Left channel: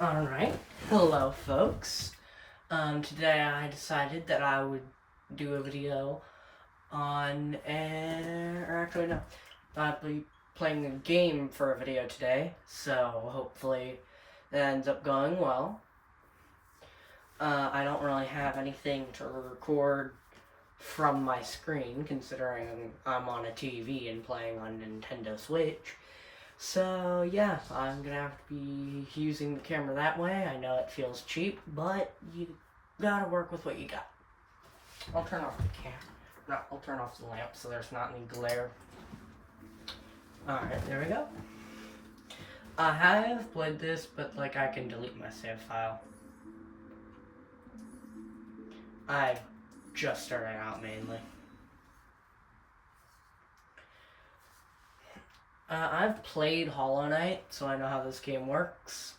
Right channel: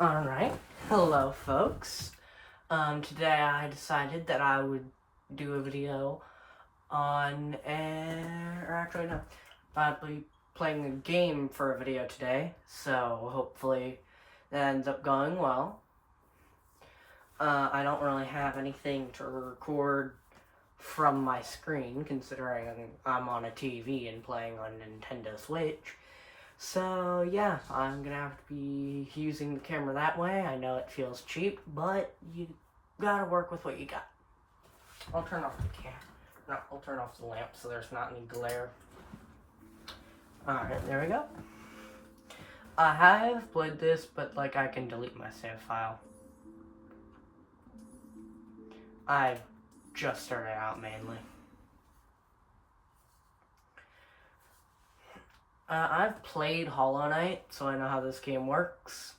Alright, hello folks. Today I decided that I would do a video on, I'll be playing a game for a video today, so hopefully that ends up going well. I don't really have anything to record from my screen, considering I'm on a TV and playing on Nintendo Switch. So yeah, I'm gonna have to be using the camera that way. I know it feels cheap, but you gotta work with what you got. I'll turn off the camera. No, I'll turn off the lamp so there's not any glare. Alright, there we go. I have played this, but I can delete my save file. I've just started out mainly. I've played Hollow Knight, so I know how this game works.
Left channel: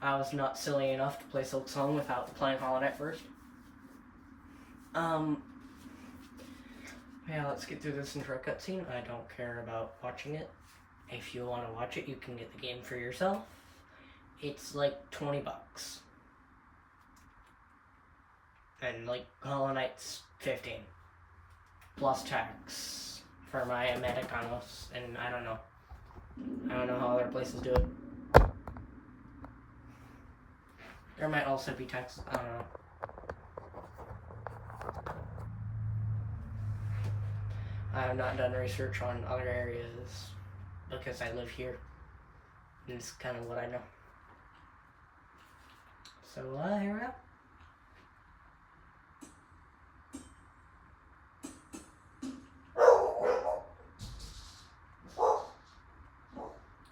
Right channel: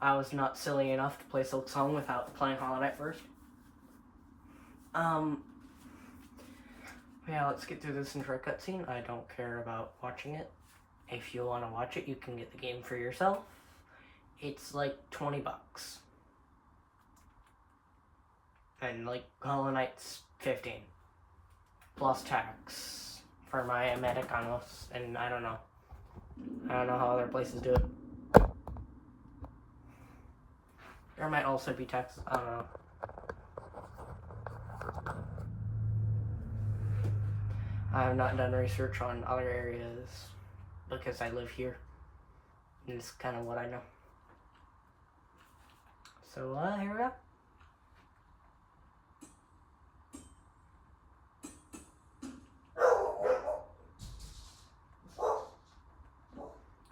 I was not silly enough to play Silksong without playing Hollow Knight first. Yeah, let's get through this intro cutscene. I don't care about watching it. If you want to watch it, you can get the game for yourself. It's like 20 bucks. And Hollow Knight's 15. Plus tax for my Americanos, and I don't know how other places do it. There might also be taxes, I don't know. I have not done research on other areas because I live here. And it's kind of what I know. So, here we go.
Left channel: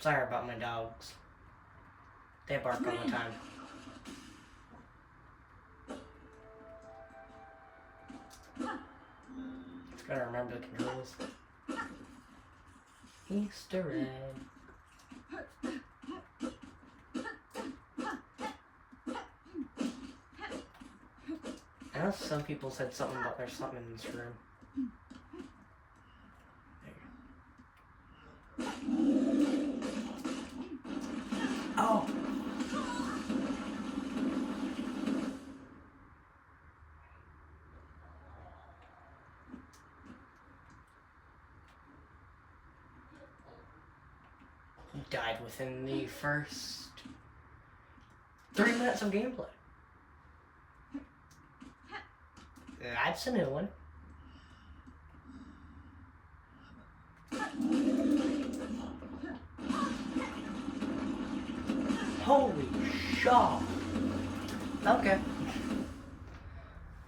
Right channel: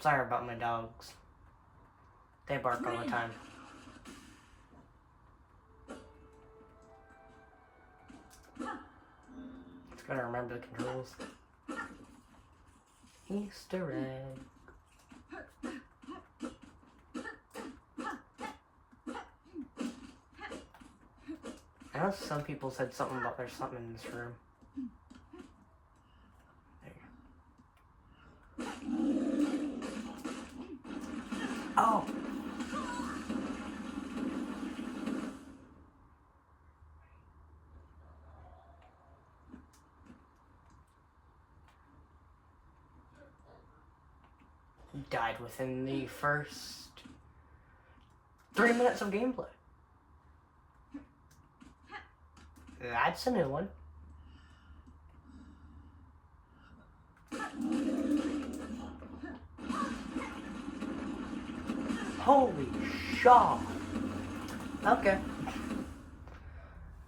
Sorry about my dogs. They bark all the time. Just gotta remember the controls. Easter egg. I know some people said something about there's something in this room. Oh! Died within the first 3 minutes of gameplay. That's a new one. Holy shaw! Okay.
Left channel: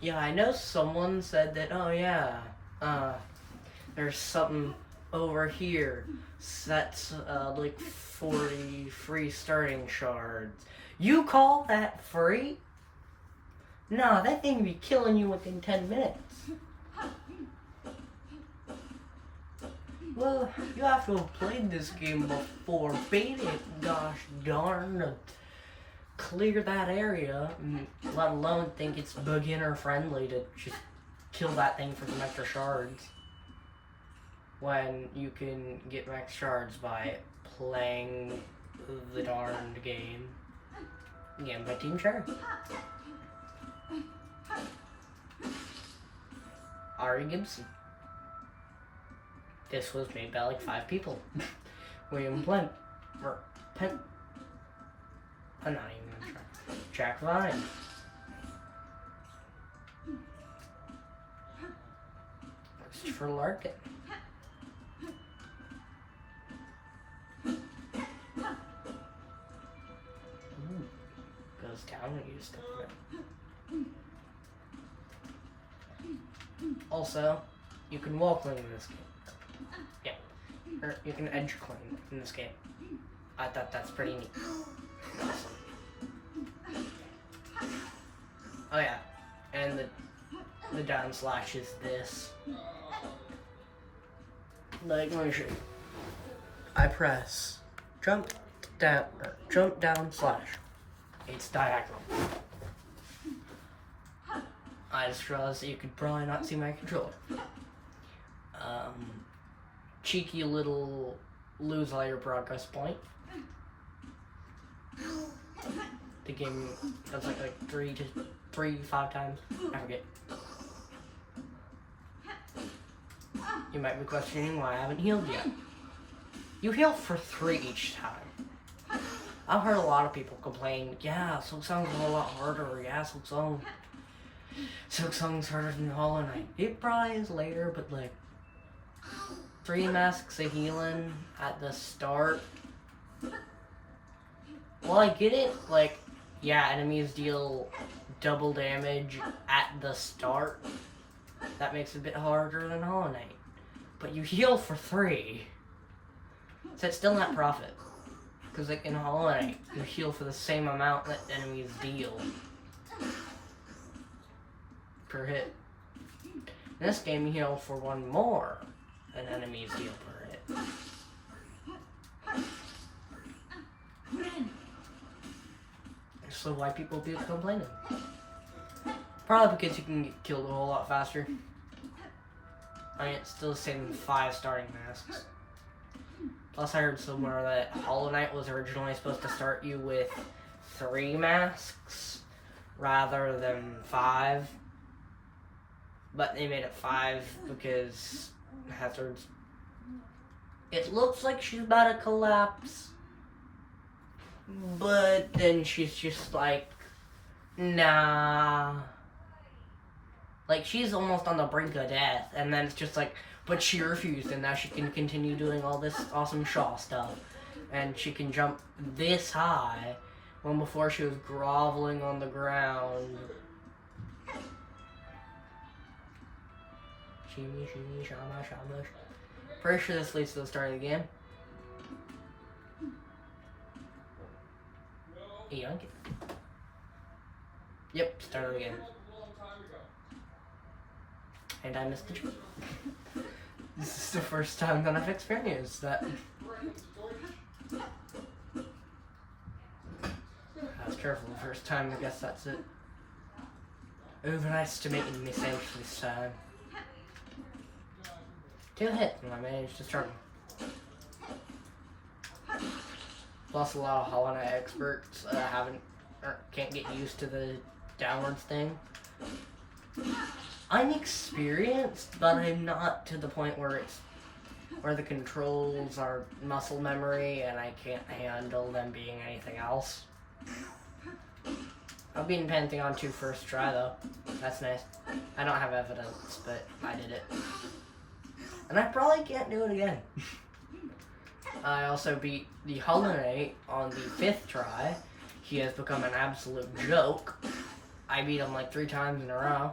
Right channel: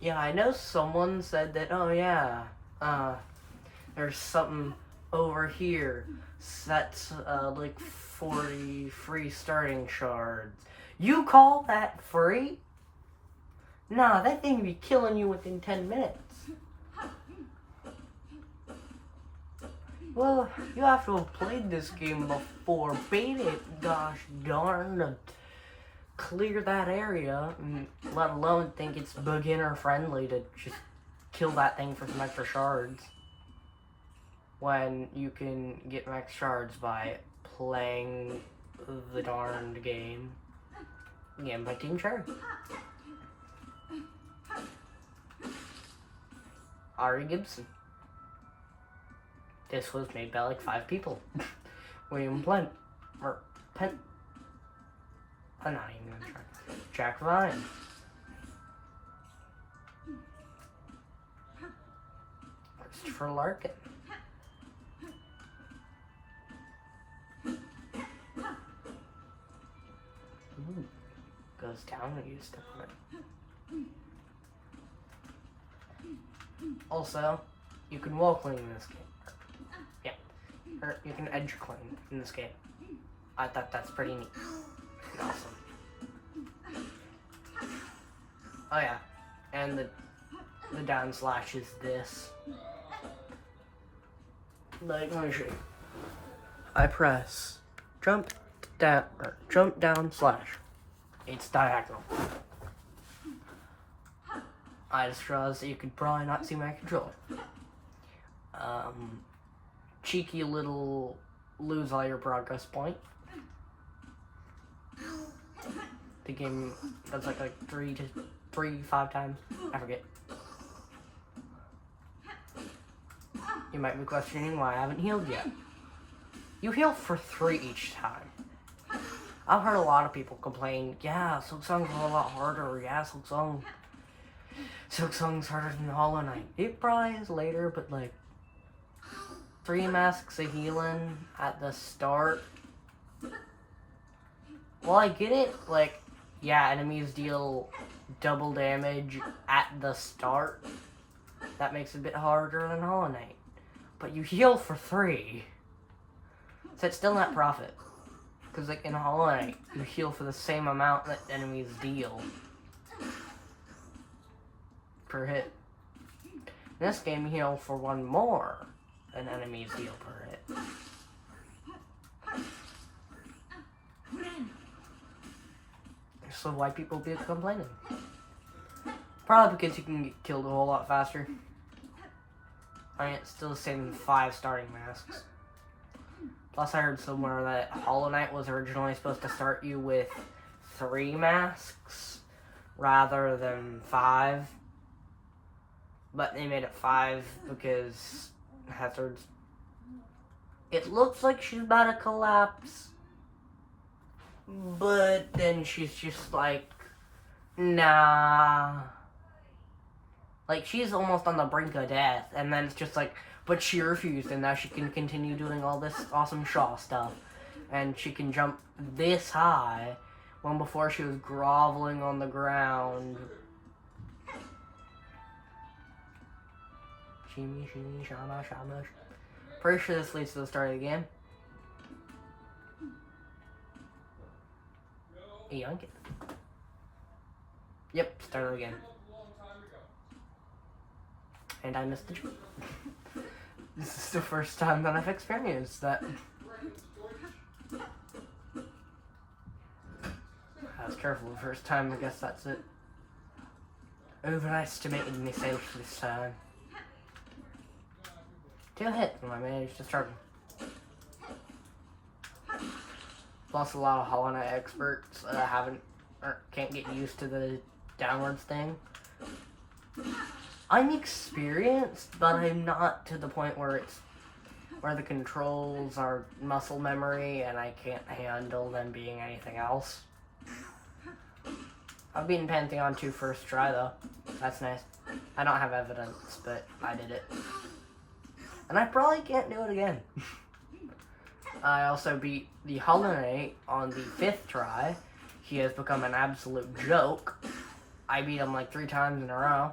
Yeah, I know someone said that, oh yeah, there's something over here. That's, 40 free starting shards. You call that free? Nah, that thing be killing you within 10 minutes. Well, you have to have played this game before, beat it, gosh darn, to clear that area, let alone think it's beginner friendly to just kill that thing for some extra shards. When you can get max shards by playing the darned game. Again, by Team Cherry. Ari Gibson. This was made by 5 people. William Pent. I'm not even gonna try. Jack Ryan. Christopher Larkin. Goes down when you step on it. Also, you can wall clean in this game. Yeah. Or you can edge clean in this game. I thought that's pretty neat. Oh yeah. And the down slash is this. Let me show you. I press jump down slash. It's diagonal. I just realized that you could probably not see my controller. Cheeky little lose all your progress point. the game does like 5 times. I forget. You might be questioning why I haven't healed yet. You heal for 3 each time. I've heard a lot of people complain, yeah, Silksong's a lot harder, yeah, Silksong's harder than Hollow Knight. It probably is later, but like 3 masks of healing at the start. Well, I get it, like, yeah, enemies deal double damage at the start. That makes it a bit harder than Hollow Knight. But you heal for 3. So it's still not profit. Because like in Hollow Knight, you heal for the same amount that enemies deal per hit. In this game, you heal for 1 more than enemies deal per hit. So why people be complaining? Probably because you can get killed a whole lot faster. I mean, it's still the same 5 starting masks. Plus, I heard somewhere that Hollow Knight was originally supposed to start you with 3 masks rather than 5. But they made it 5 because Hazard's... It looks like she's about to collapse. But then she's just like, nah. Like, she's almost on the brink of death. And then it's just like, but she refused, and now she can continue doing all this awesome Shaw stuff. And she can jump this high, when before she was groveling on the ground. Shimmy, shimmy, shama, shama. Pretty sure this leads to the start of the game. Yoink it. Yep, start of the game. And I missed the jump. This is the first time that I've experienced that. I was careful the first time, I guess that's it. Overestimated myself this time. 2 hit, and I managed to struggle. Plus a lot of Hollow Knight experts can't get used to the downwards thing. I'm experienced, but I'm not to the point where the controls are muscle memory and I can't handle them being anything else. I've beaten Pantheon 2 first try though. That's nice. I don't have evidence, but I did it. And I probably can't do it again. I also beat the Hollow Knight on the 5th try. He has become an absolute joke. I beat him like 3 times in a row.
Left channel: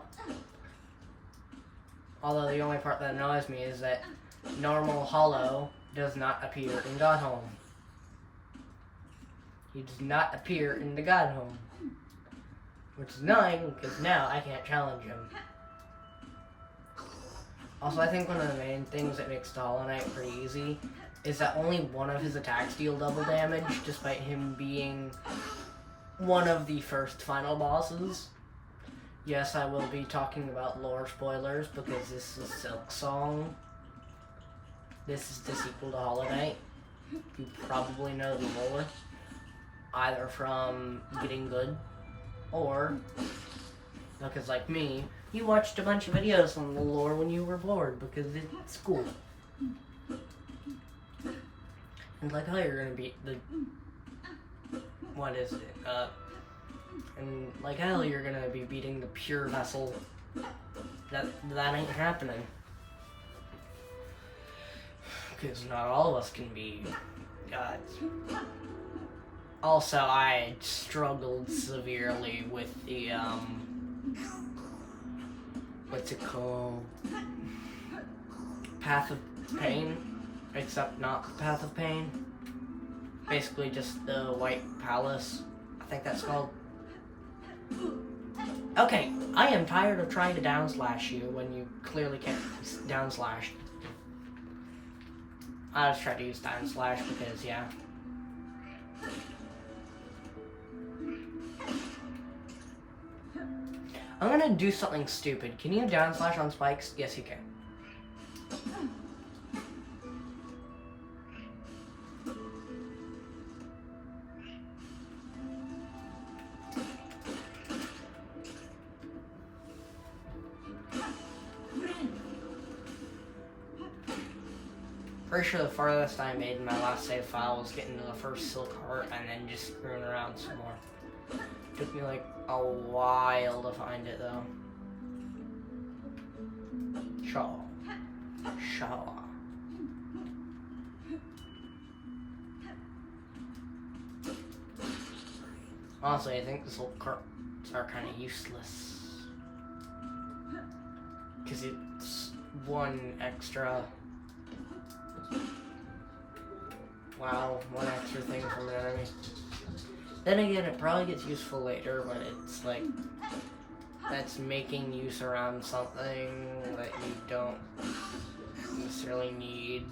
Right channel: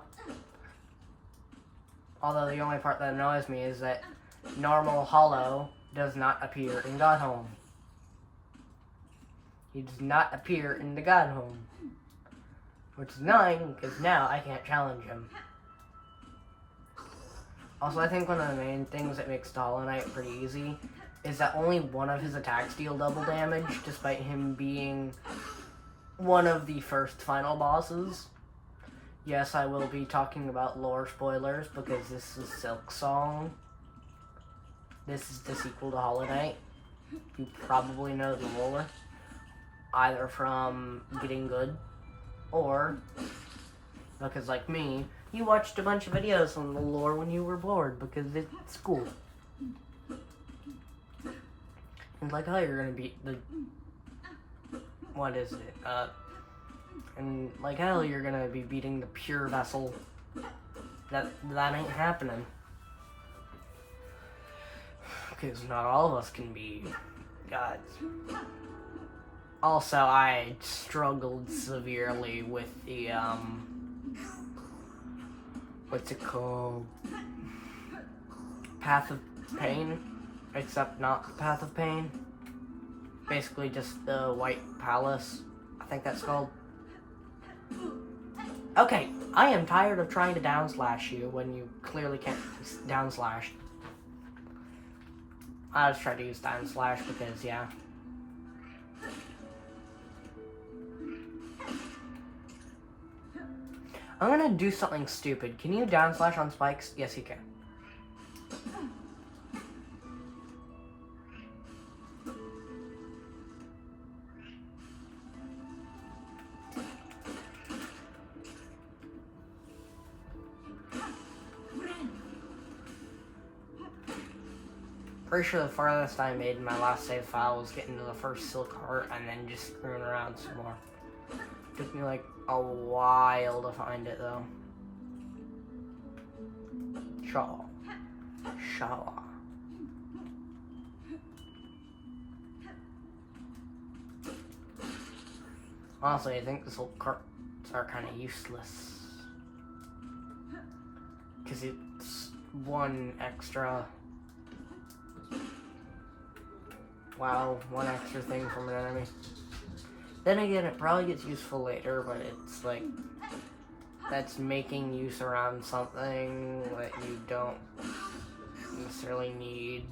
Although the only part that annoys me is that normal Hollow does not appear in Godhome. He does not appear in the Godhome. Which is annoying, because now I can't challenge him. Also, I think one of the main things that makes the Hollow Knight pretty easy is that only one of his attacks deal double damage, despite him being one of the first final bosses. Yes, I will be talking about lore spoilers because this is Silksong. This is the sequel to Hollow Knight. You probably know the lore, either from Getting Good, or because like me, you watched a bunch of videos on the lore when you were bored because it's cool. And like, oh, you're gonna beat the... What is it? And like hell, you're gonna be beating the pure vessel. That ain't happening. Because not all of us can be gods. Also, I struggled severely with the, what's it called? Path of Pain. Except not the Path of Pain. Basically just the White Palace. I think that's called. Okay, I am tired of trying to downslash you when you clearly can't downslash. I just tried to use downslash because, yeah. I'm gonna do something stupid. Can you downslash on spikes? Yes, you can. Pretty sure the farthest I made in my last save file was getting to the first silk heart and then just screwing around some more. Took me like a while to find it though. Shaw. Honestly, I think the silk hearts are kind of useless. Because it's one extra... Wow, one extra thing from an enemy. Then again, it probably gets useful later, but it's like... That's making use around something that you don't necessarily need.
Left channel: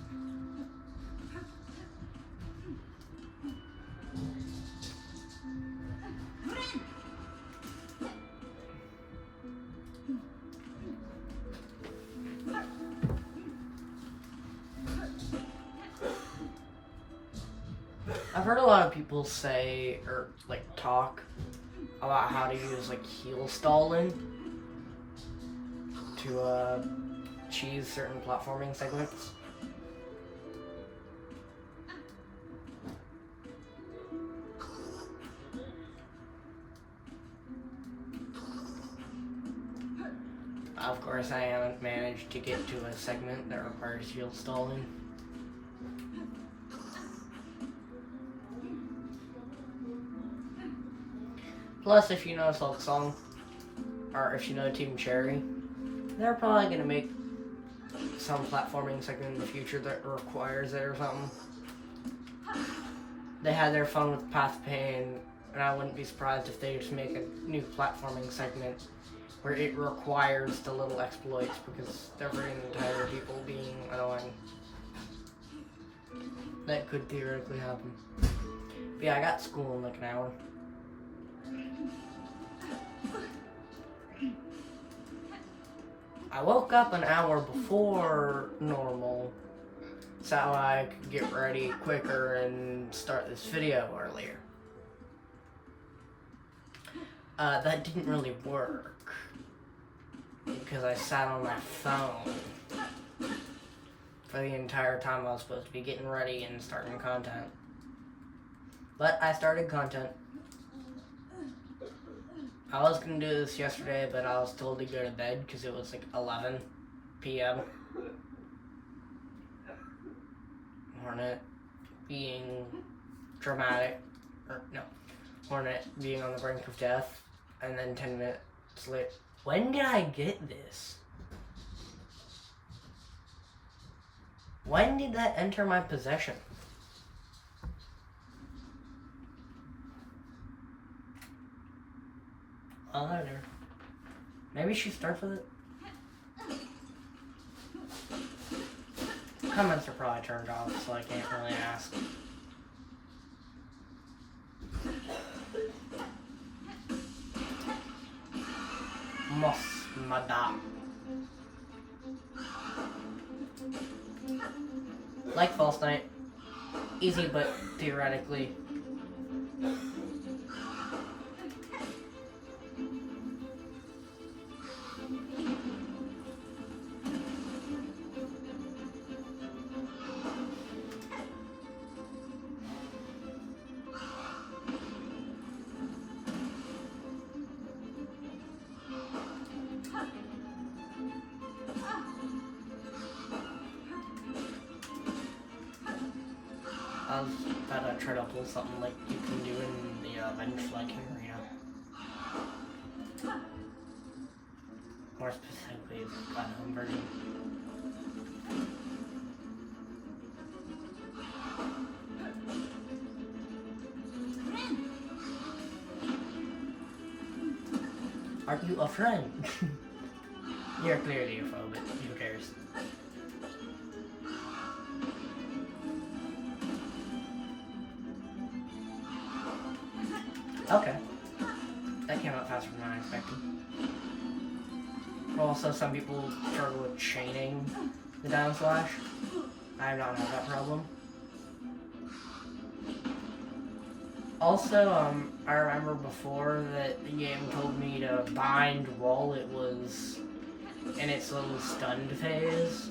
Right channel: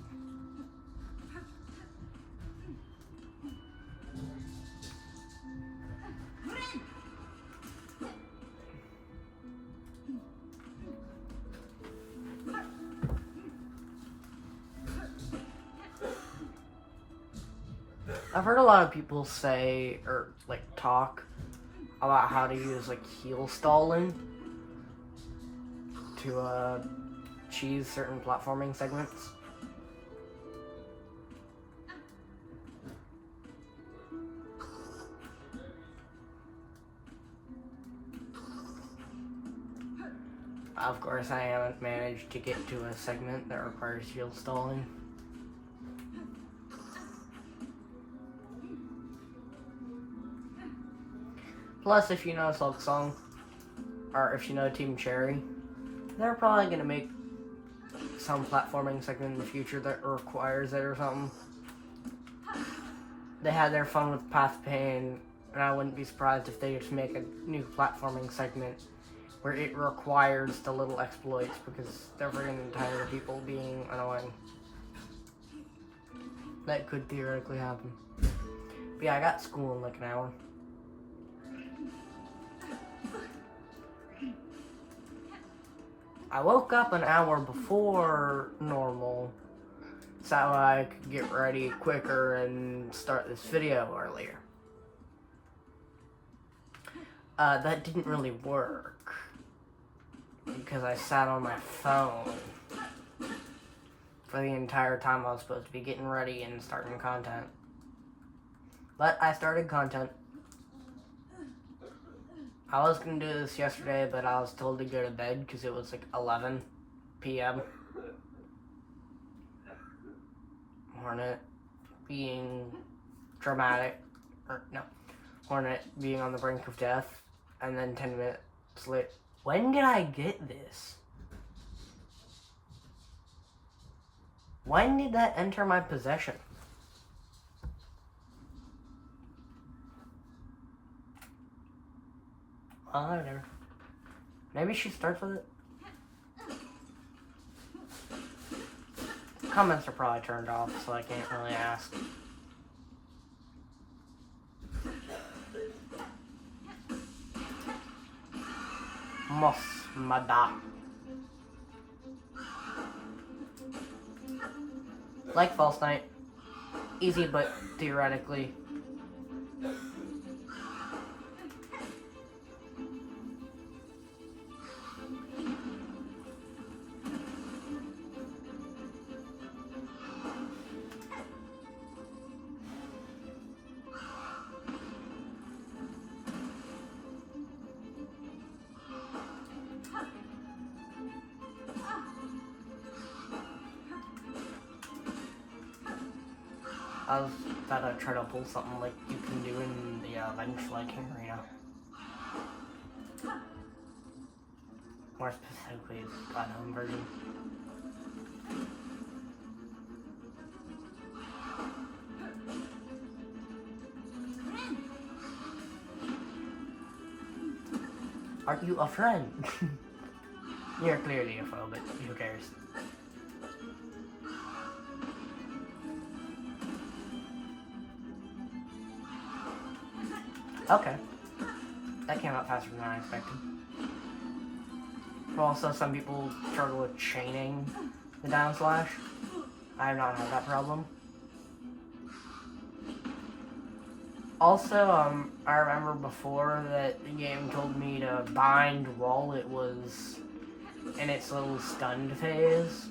I've heard a lot of people say, or like talk, about how to use like heel stalling to cheese certain platforming segments. Of course, I haven't managed to get to a segment that requires heel stalling. Plus, if you know Silksong, or if you know Team Cherry, they're probably going to make some platforming segment in the future that requires it or something. They had their fun with Path Pain, and I wouldn't be surprised if they just make a new platforming segment where it requires the little exploits because they're really tired of people being annoying. That could theoretically happen. But yeah, I got school in like an hour. I woke up an hour before normal so I could get ready quicker and start this video earlier. That didn't really work because I sat on my phone for the entire time I was supposed to be getting ready and starting content. But I started content. I was gonna do this yesterday, but I was told to go to bed because it was like 11 p.m. Hornet being dramatic, or no, Hornet being on the brink of death, and then 10 minutes later. When did I get this? When did that enter my possession? Oh, there. Maybe she starts with it. Comments are probably turned off, so I can't really ask. Mosmada. Like False Knight. Easy, but theoretically. I thought I'd try to pull something like you can do in the bench flanking arena. More specifically, is platinum version. Are you a friend? You're clearly a foe, but who cares? Okay. That came out faster than I expected. Also, some people struggle with chaining the down slash. I have not had that problem. Also, I remember before that the game told me to bind while it was in its little stunned phase.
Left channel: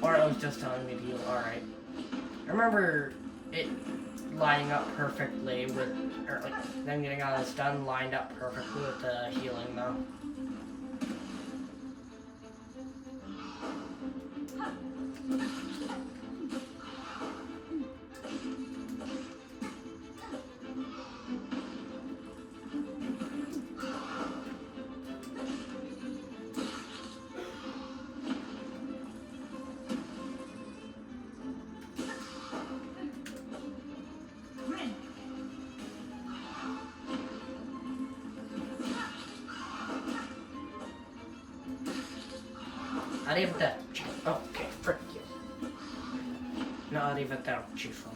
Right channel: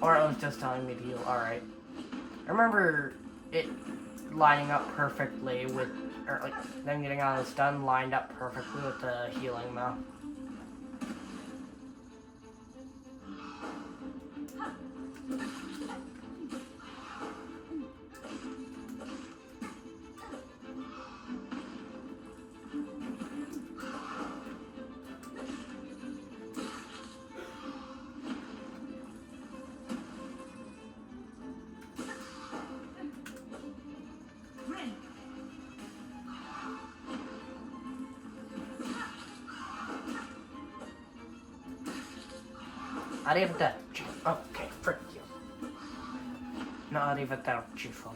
Or it was just telling me to heal. Alright. I remember it lining up perfectly with, or like them getting all this done lined up perfectly with the healing though. Arrivederci. Ok, frick you. No, arrivederci for me.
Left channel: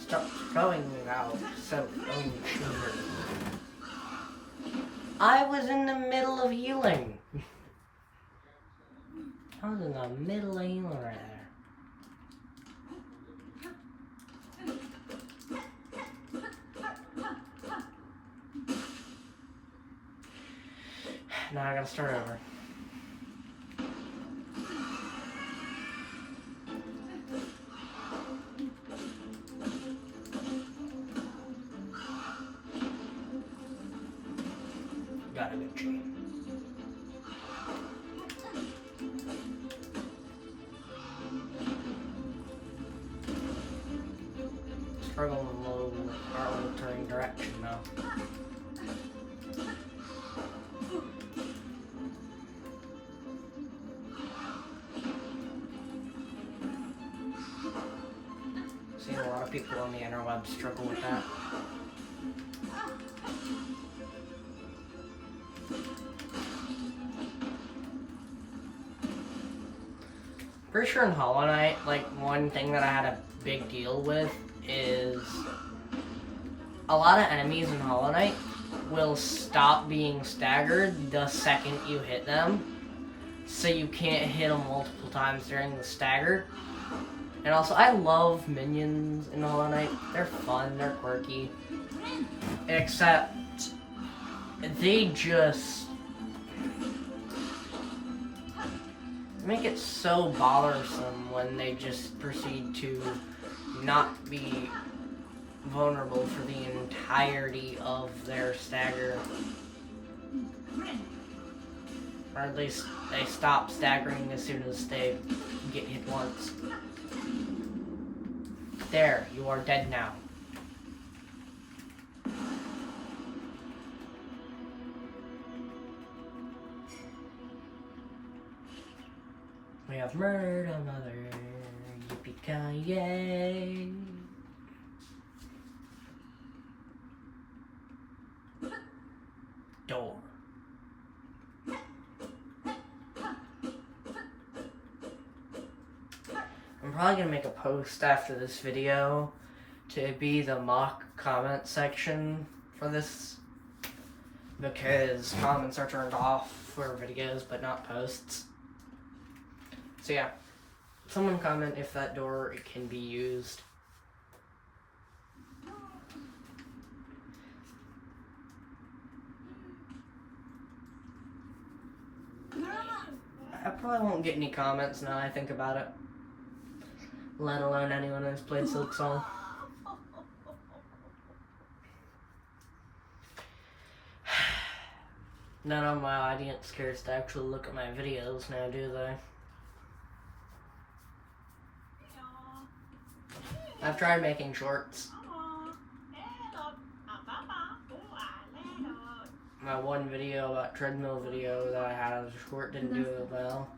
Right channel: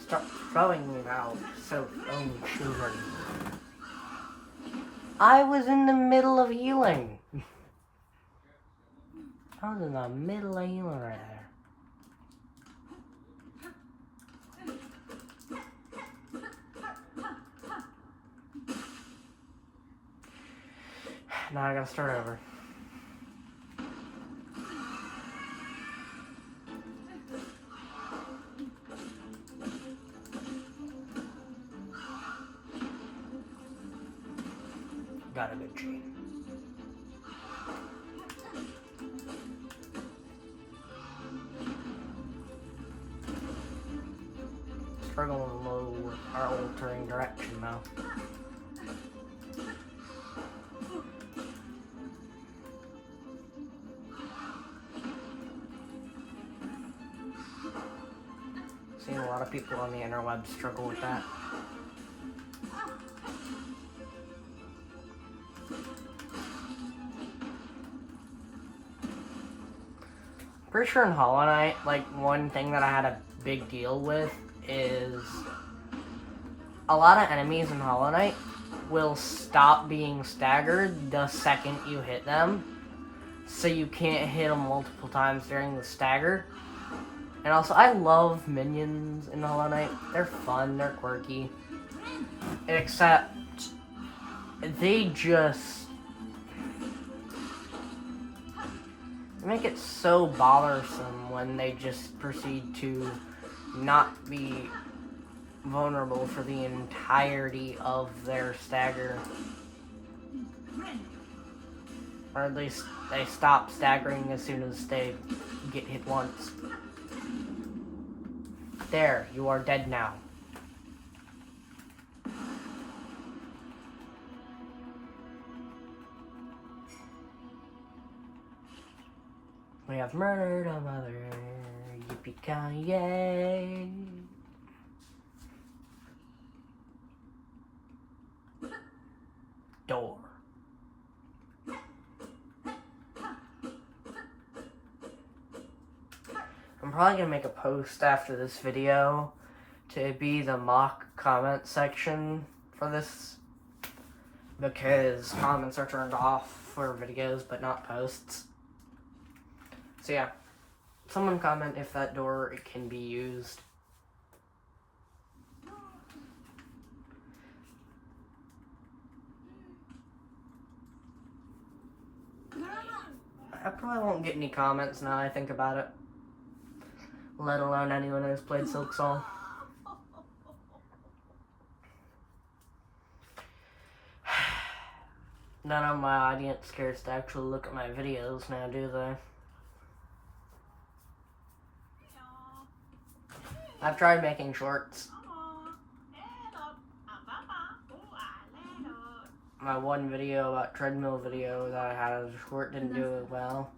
Stop throwing me out so unhuman. I was in the middle of healing. I was in the middle of healing right there. Now I gotta start over. Got a good chain. Struggling a little with our altering direction though. Seen a lot of people on the interweb struggle with that. Pretty sure in Hollow Knight, like, one thing that I had a big deal with is a lot of enemies in Hollow Knight will stop being staggered the second you hit them, so you can't hit them multiple times during the stagger. And also, I love minions in Hollow Knight. They're fun, they're quirky. Except, they just make it so bothersome when they just proceed to not be vulnerable for the entirety of their stagger. Or at least they stop staggering as soon as they get hit once. There, you are dead now. We have murdered a mother, yippee-ki-yay. Door. I'm probably gonna make a post after this video to be the mock comment section for this, because comments are turned off for videos but not posts. So yeah, someone comment if that door can be used. I probably won't get any comments now I think about it. Let alone anyone who's played Silksong. None of my audience cares to actually look at my videos now, do they? I've tried making shorts. My one video about treadmill video that I had as a short didn't do it well.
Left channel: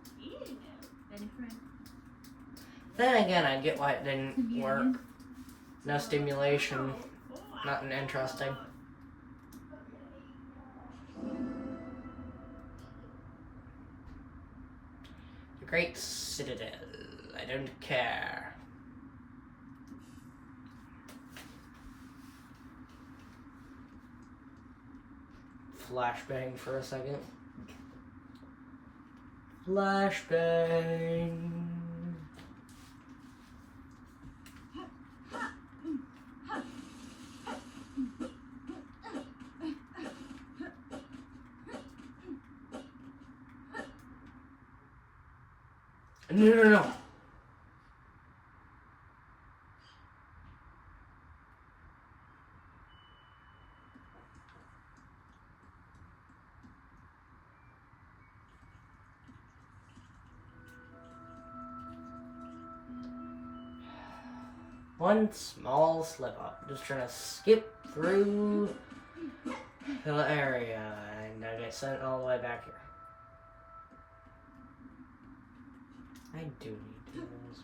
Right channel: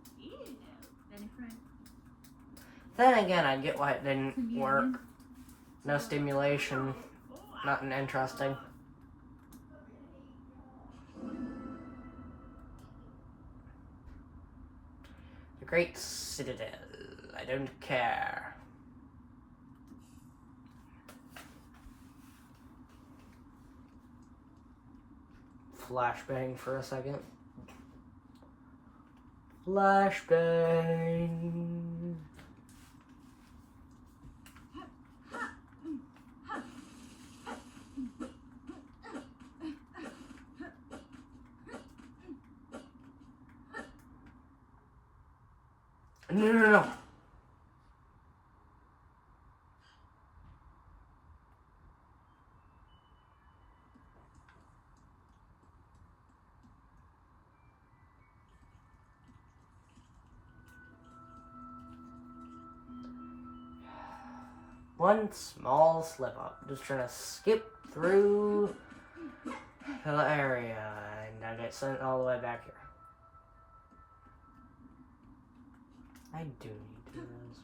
Then again, I get why it didn't work. No stimulation, nothing interesting. The Great Citadel, I don't care. Flashbang for a second. Flashbang. No, no, no. One small slip up. Just trying to skip through the area, and I get sent all the way back here. I do need to do this.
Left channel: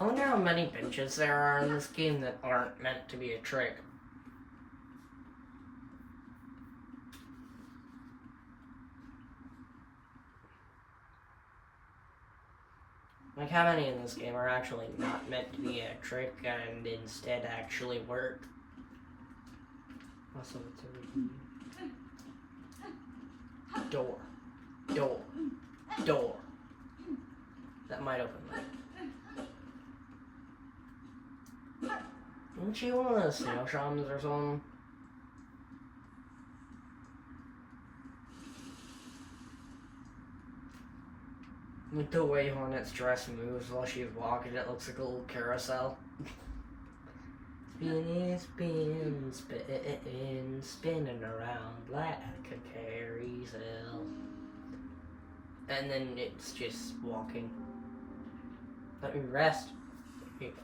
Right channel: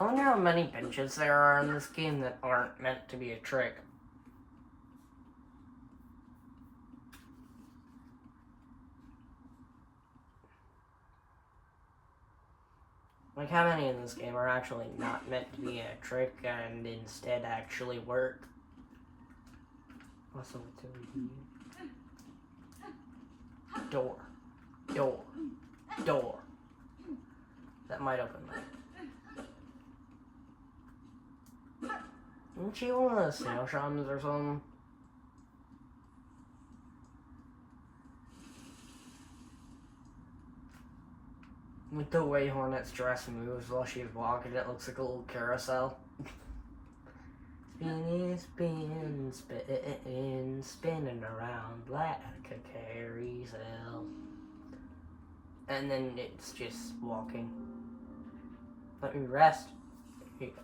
I wonder how many benches there are in this game that aren't meant to be a trick. Like, how many in this game are actually not meant to be a trick and instead actually work? Also, what's everything? Door. Door. Door. That might open that. Isn't she one of those snail shamans or something? With the way Hornet's dress moves while she's walking, it looks like a little carousel. Spinning, spinning around like a carousel. And then it's just walking. Let me rest. Here you go.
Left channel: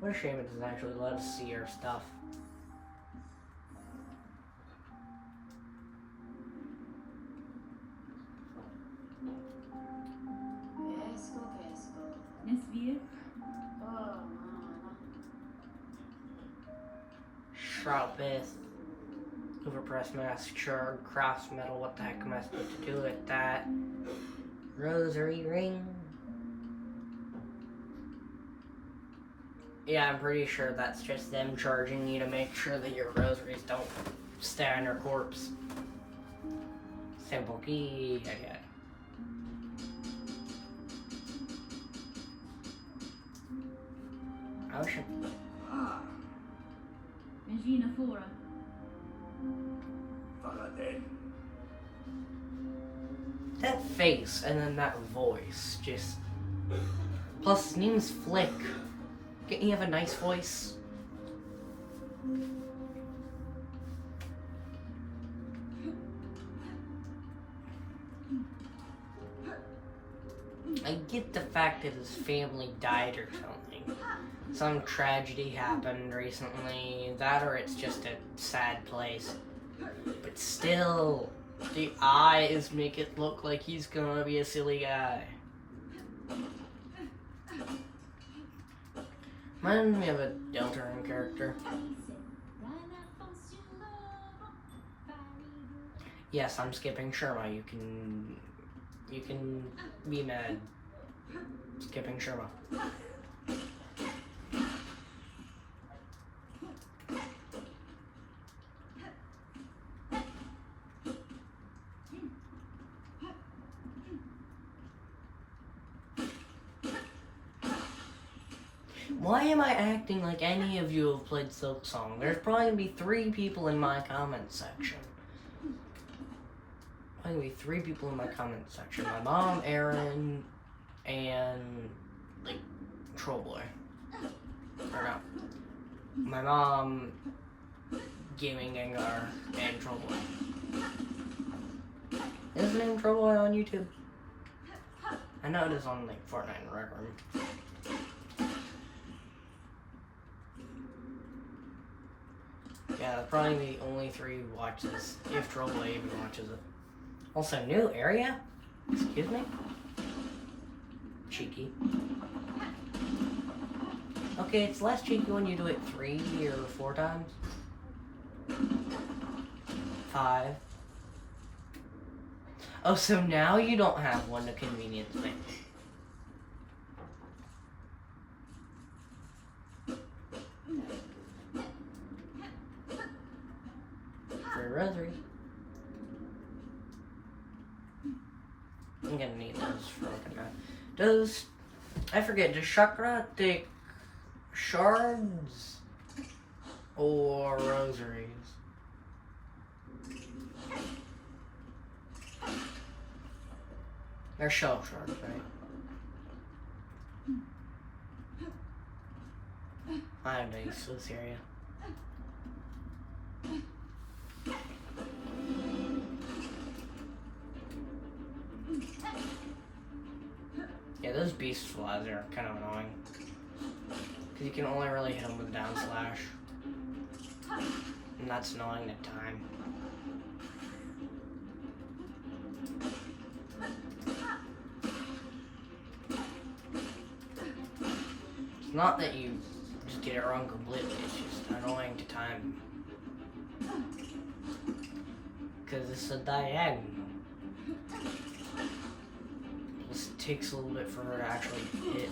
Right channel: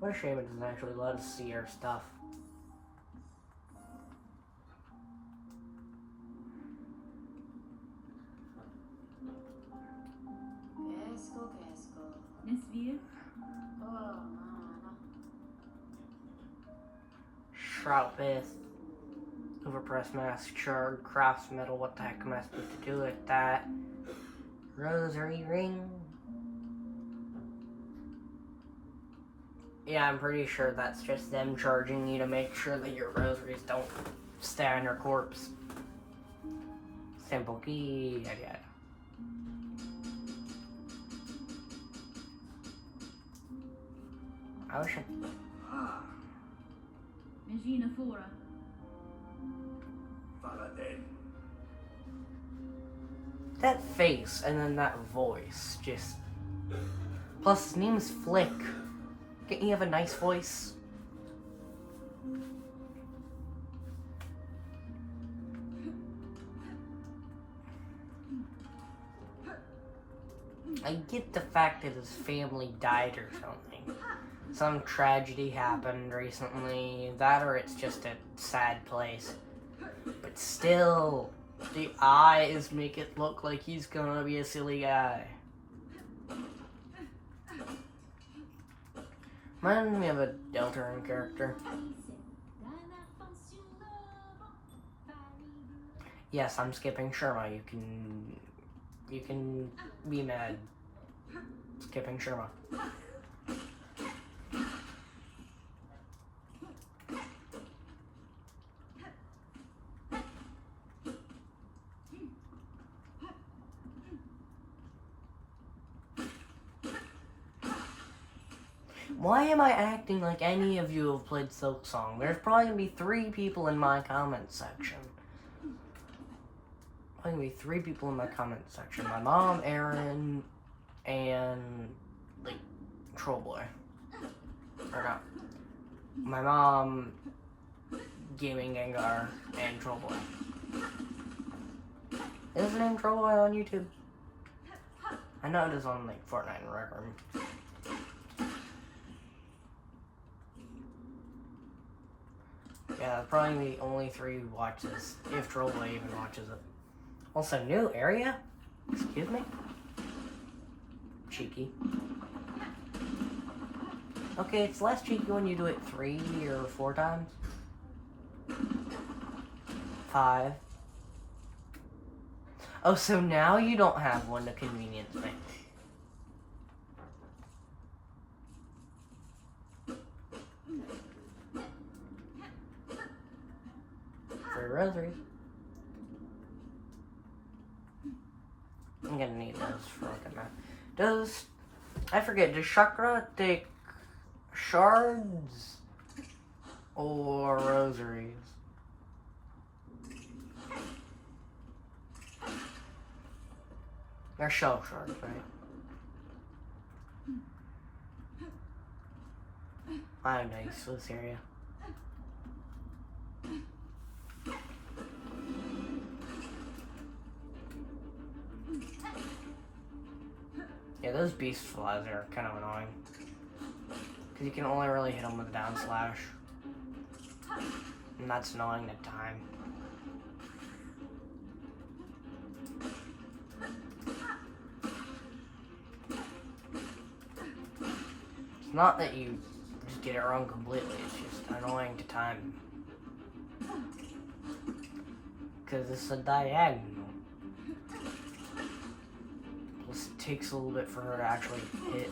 What a shame it doesn't actually let us see our stuff. Sharpest, overpressed mask, shard, crafts metal, what the heck am I supposed to do with that? Rosary ring. Yeah, I'm pretty sure that's just them charging you to make sure that your rosaries don't stay on your corpse. Simple key, yeah. Ocean. That face and then that voice just. Plus, his name's Flick. Can't you have a nice voice? I get the fact that his family died or something. Some tragedy happened recently. That or it's just a sad place. But still, the eyes make it look like he's gonna be a silly guy. Reminds me of a Deltarune character. Yes, I'm skipping Sherma. You can be mad. Skipping Sherma. Why am I acting like any of you have played Silksong? There's probably gonna be 3 people in my comment section. Probably gonna be 3 people in my comment section. My mom, Aaron, and like Trollboy. Forgot. My mom, Gaming Gengar, and Trollboy. Is his name Trollboy on YouTube? I know it is on like Fortnite and Rec Room. Yeah, probably the only 3 who watch this, if Trollboy even watches it. Also, new area? Excuse me? Cheeky. Okay, it's less cheeky when you do it 3 or 4 times. 5. Oh, so now you don't have one to convenience me. For rosary. I'm gonna need those for looking at. I forget, does Chakra take Shards or rosaries? They're shell shards, right? I have no use for this area. Yeah, those beast flies are kind of annoying. Because you can only really hit them with down slash. And that's annoying at time. It's not that you just get it wrong completely, it's just annoying to time. Because it's a diagonal. Plus it takes a little bit for her to actually hit.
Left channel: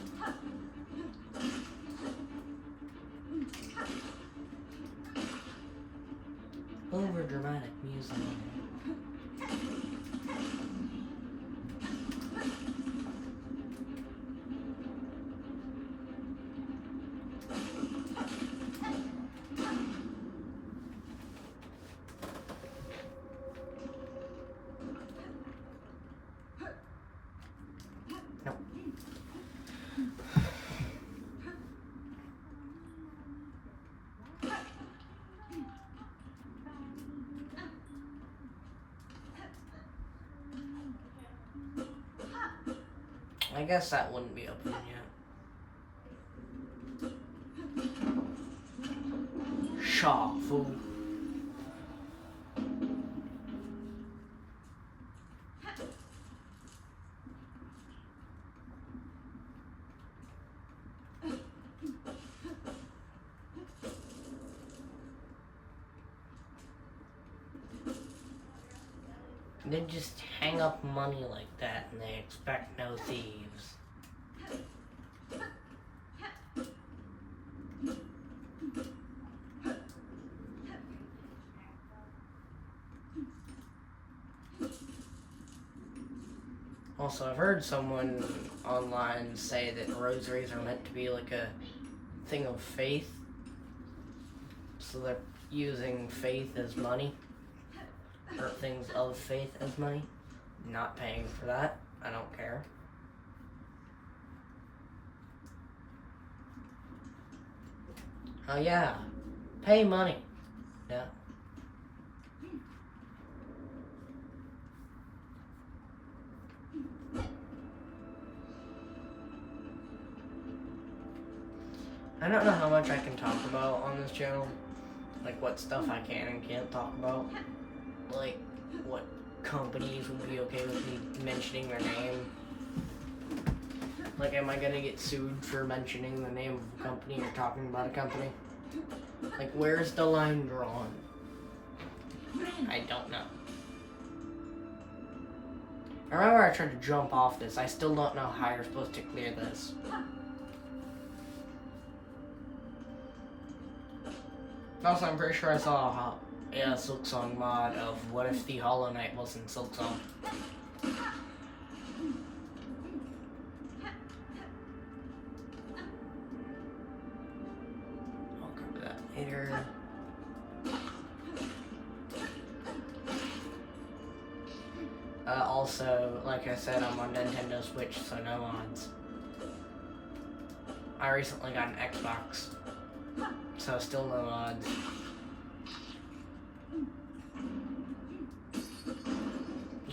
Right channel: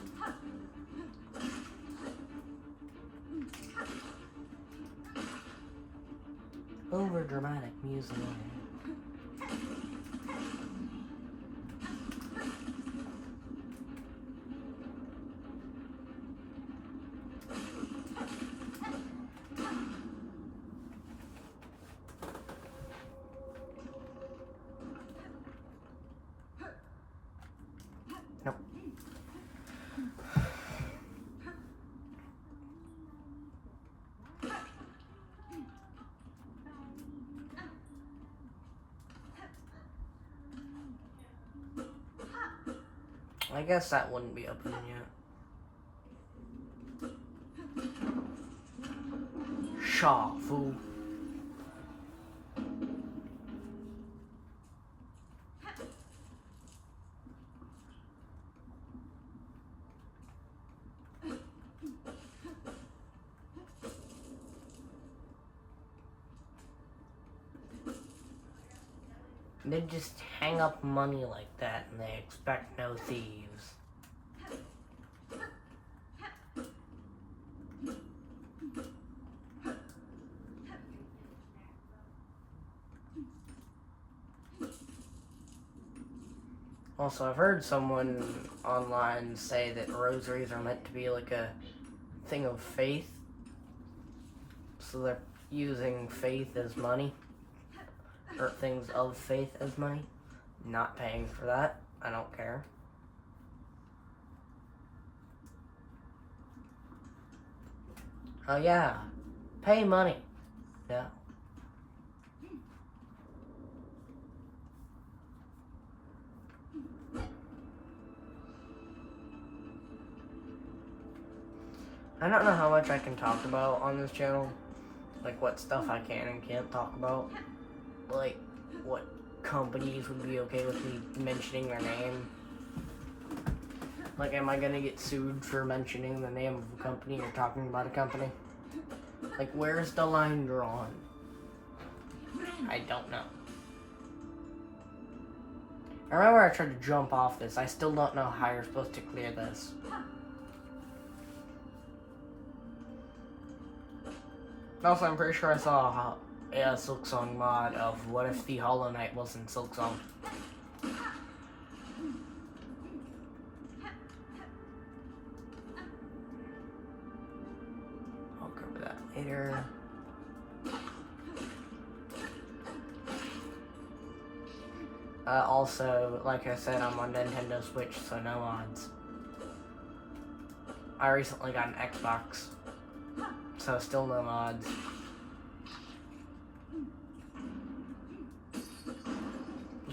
Over dramatic music. I guess that wouldn't be open yet. Shaw, fool. They just hang up money like that and they expect no thieves. Also, I've heard someone online say that rosaries are meant to be like a thing of faith. So they're using faith as money. Or things of faith as money. Not paying for that. I don't care. Oh yeah. Pay money. Yeah. I don't know how much I can talk about on this channel. Like what stuff I can and can't talk about. Like what companies would be okay with me mentioning their name. Like, am I gonna get sued for mentioning the name of a company or talking about a company? Like, where's the line drawn? I don't know. I remember I tried to jump off this. I still don't know how you're supposed to clear this. Also, I'm pretty sure I saw a Silksong mod of what if the Hollow Knight wasn't Silksong. I'll cover that later. Also, like I said, I'm on Nintendo Switch, so no mods. I recently got an Xbox, so still no mods.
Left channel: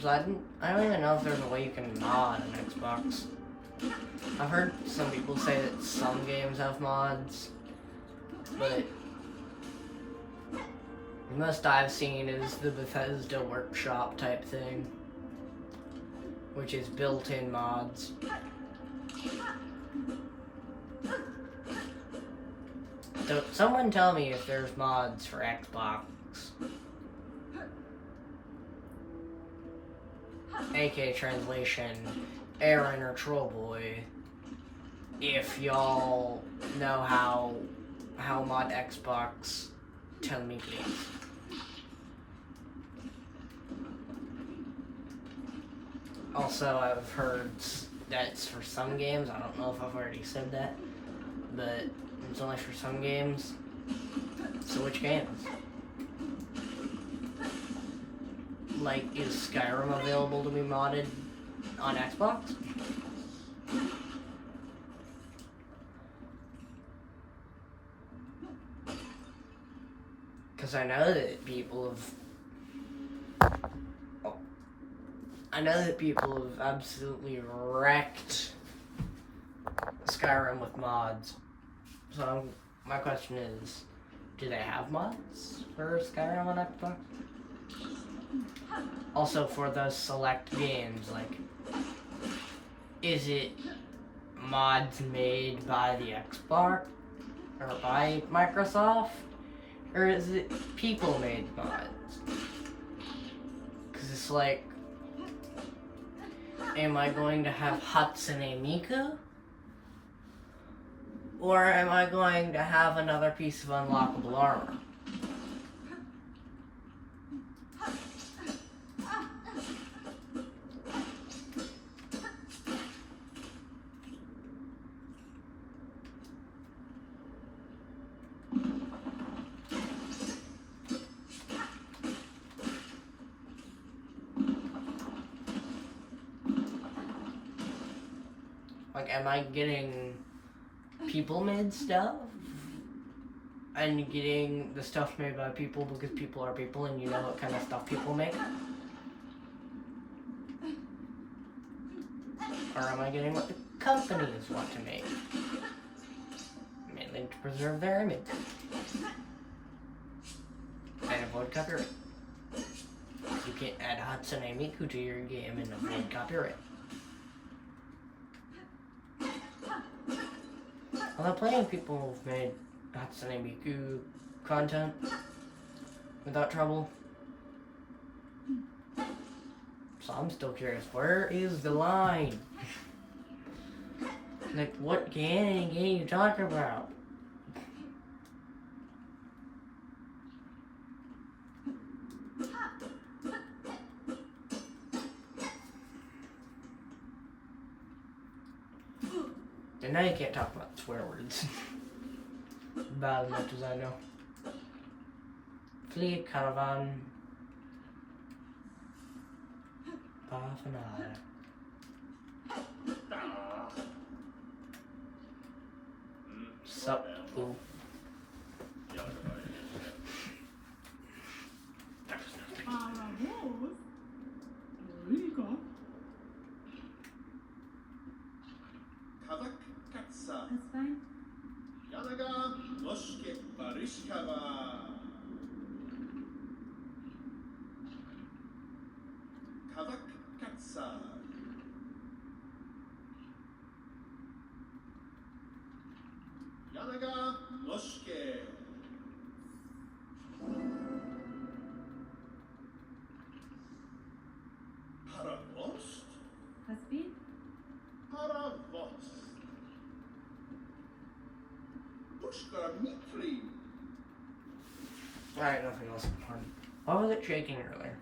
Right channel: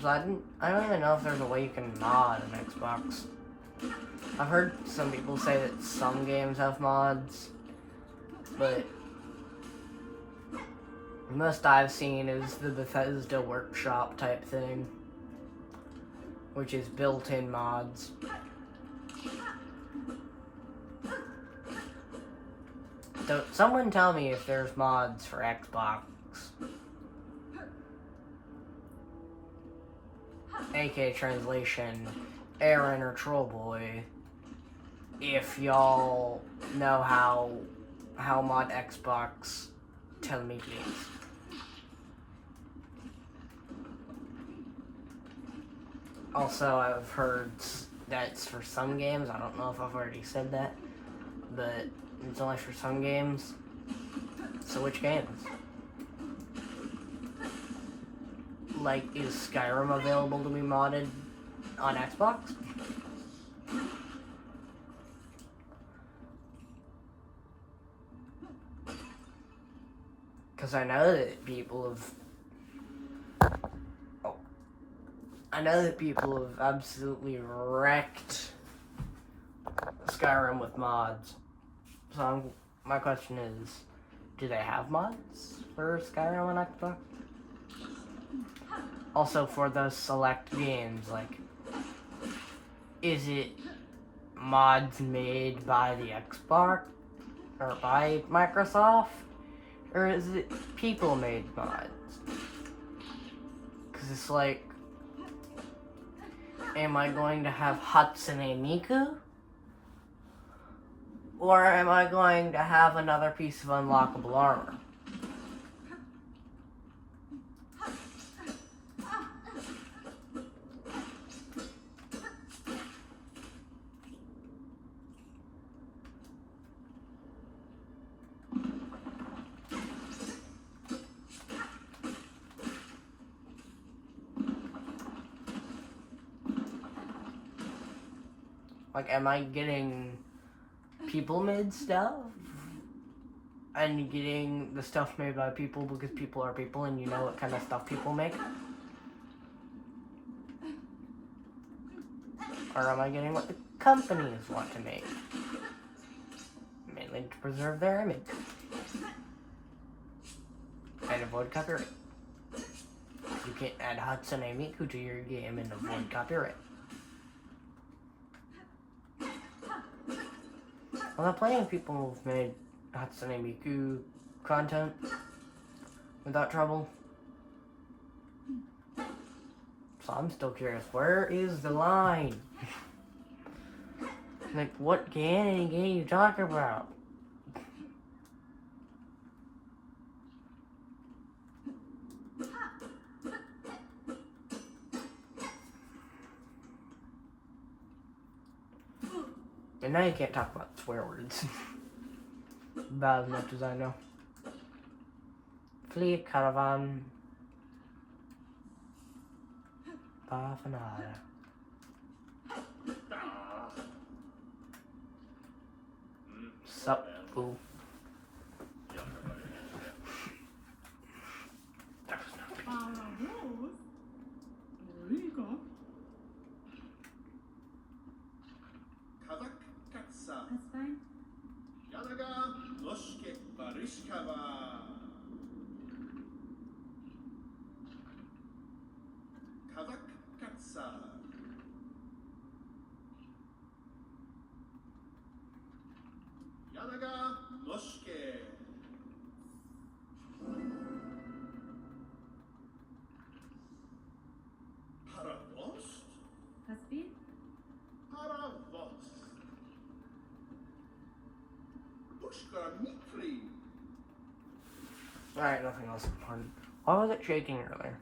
So I don't even know if there's a way you can mod an Xbox. I've heard some people say that some games have mods, but the most I've seen is the Bethesda Workshop type thing, which is built-in mods. So someone tell me if there's mods for Xbox. AK translation, Aaron or Trollboy, if y'all know how mod Xbox, tell me please. Also, I've heard that it's for some games, I don't know if I've already said that, but It's only for some games. So which games? Like, is Skyrim available to be modded on Xbox? Because I know that people have absolutely wrecked Skyrim with mods. So my question is, do they have mods for Skyrim on Xbox? Also, for those select games, like, is it mods made by the Xbox or by Microsoft, or is it people-made mods? Because it's like, am I going to have Hatsune Miku? Or am I going to have another piece of unlockable armor? Like, am I getting people-made stuff? And getting the stuff made by people because people are people and you know what kind of stuff people make? Or am I getting what the companies want to make? Mainly to preserve their image. And avoid copyright. You can't add Hatsune Miku to your game and avoid copyright. Well, plenty of people have made Hatsune Miku content without trouble. So I'm still curious, where is the line? Like, what game are you talking about? And now you can't talk about swear words. About as much as I know. Flee caravan. Parfanada. Sup, boo. That's fine. That's fine. Alright, nothing else important. Why was it shaking earlier?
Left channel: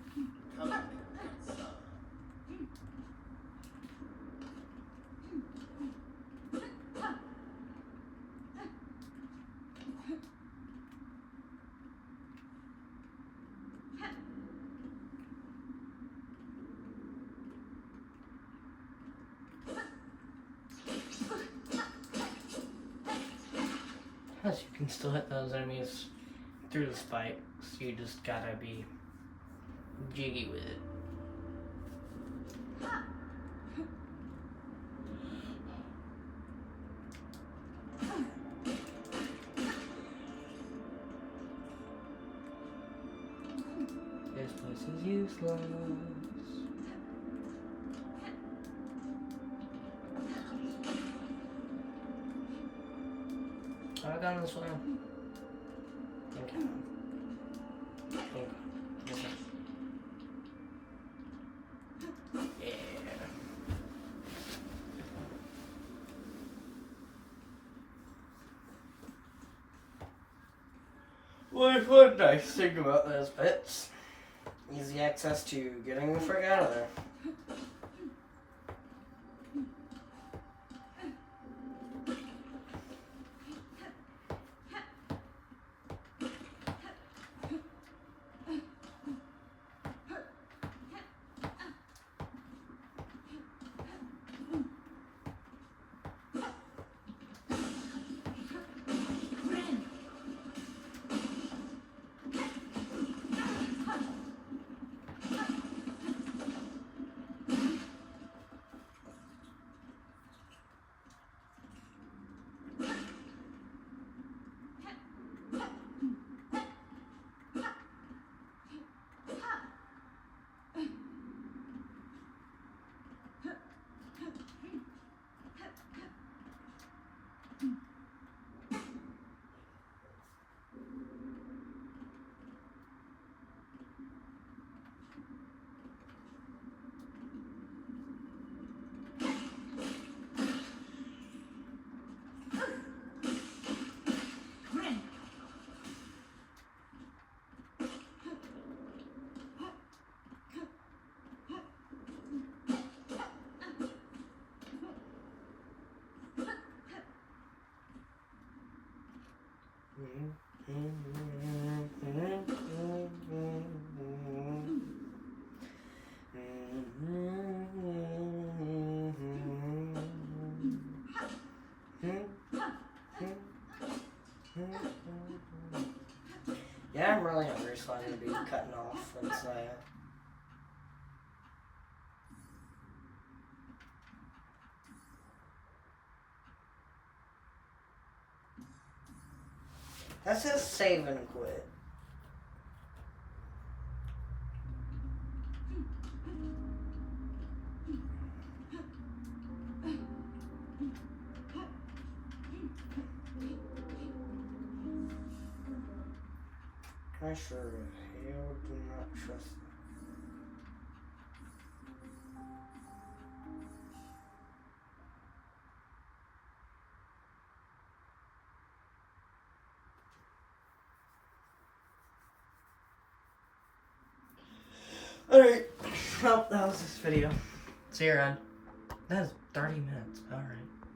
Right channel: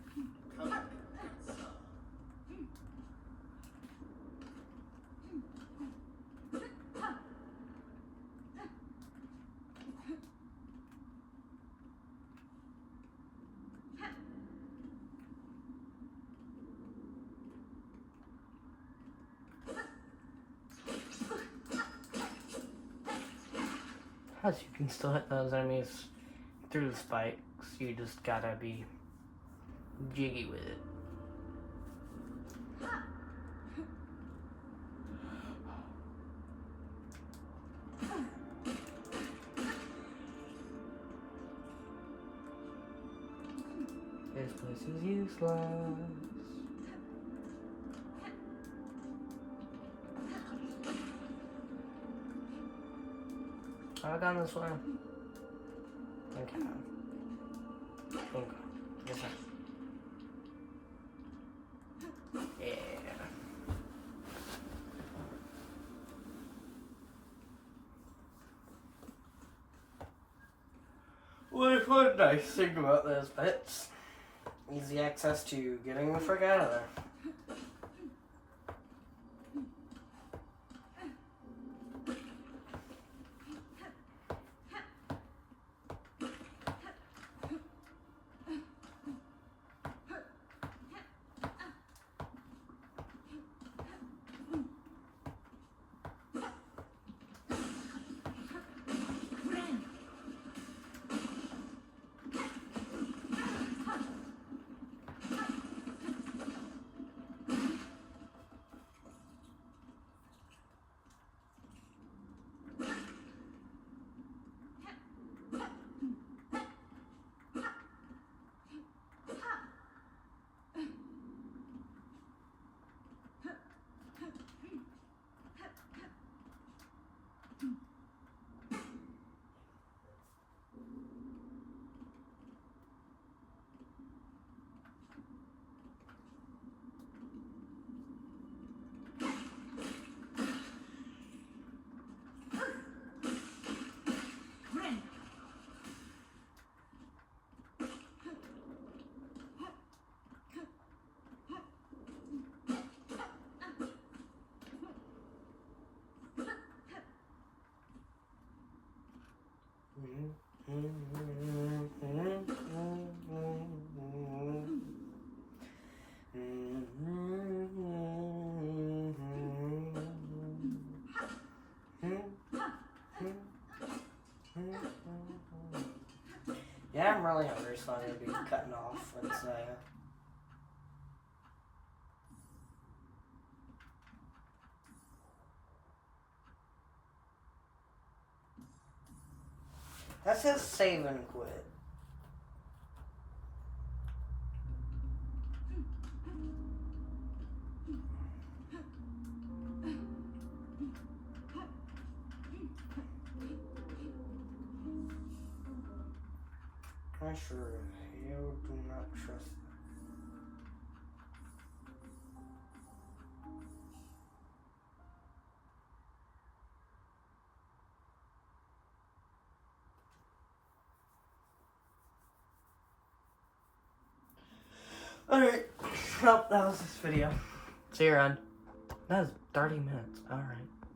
Plus, you can still hit those enemies through the spikes. You just gotta be jiggy with it. This place is useless. Have I gone this way? Okay. Yeah. One nice thing about those bits. Easy access to getting the frick out of there. Highlander, so I'm going to be cutting off. That's that says save and quit. I sure hell do not trust that. Alright, well, that was this video. See you around. That was 30 minutes. Alright.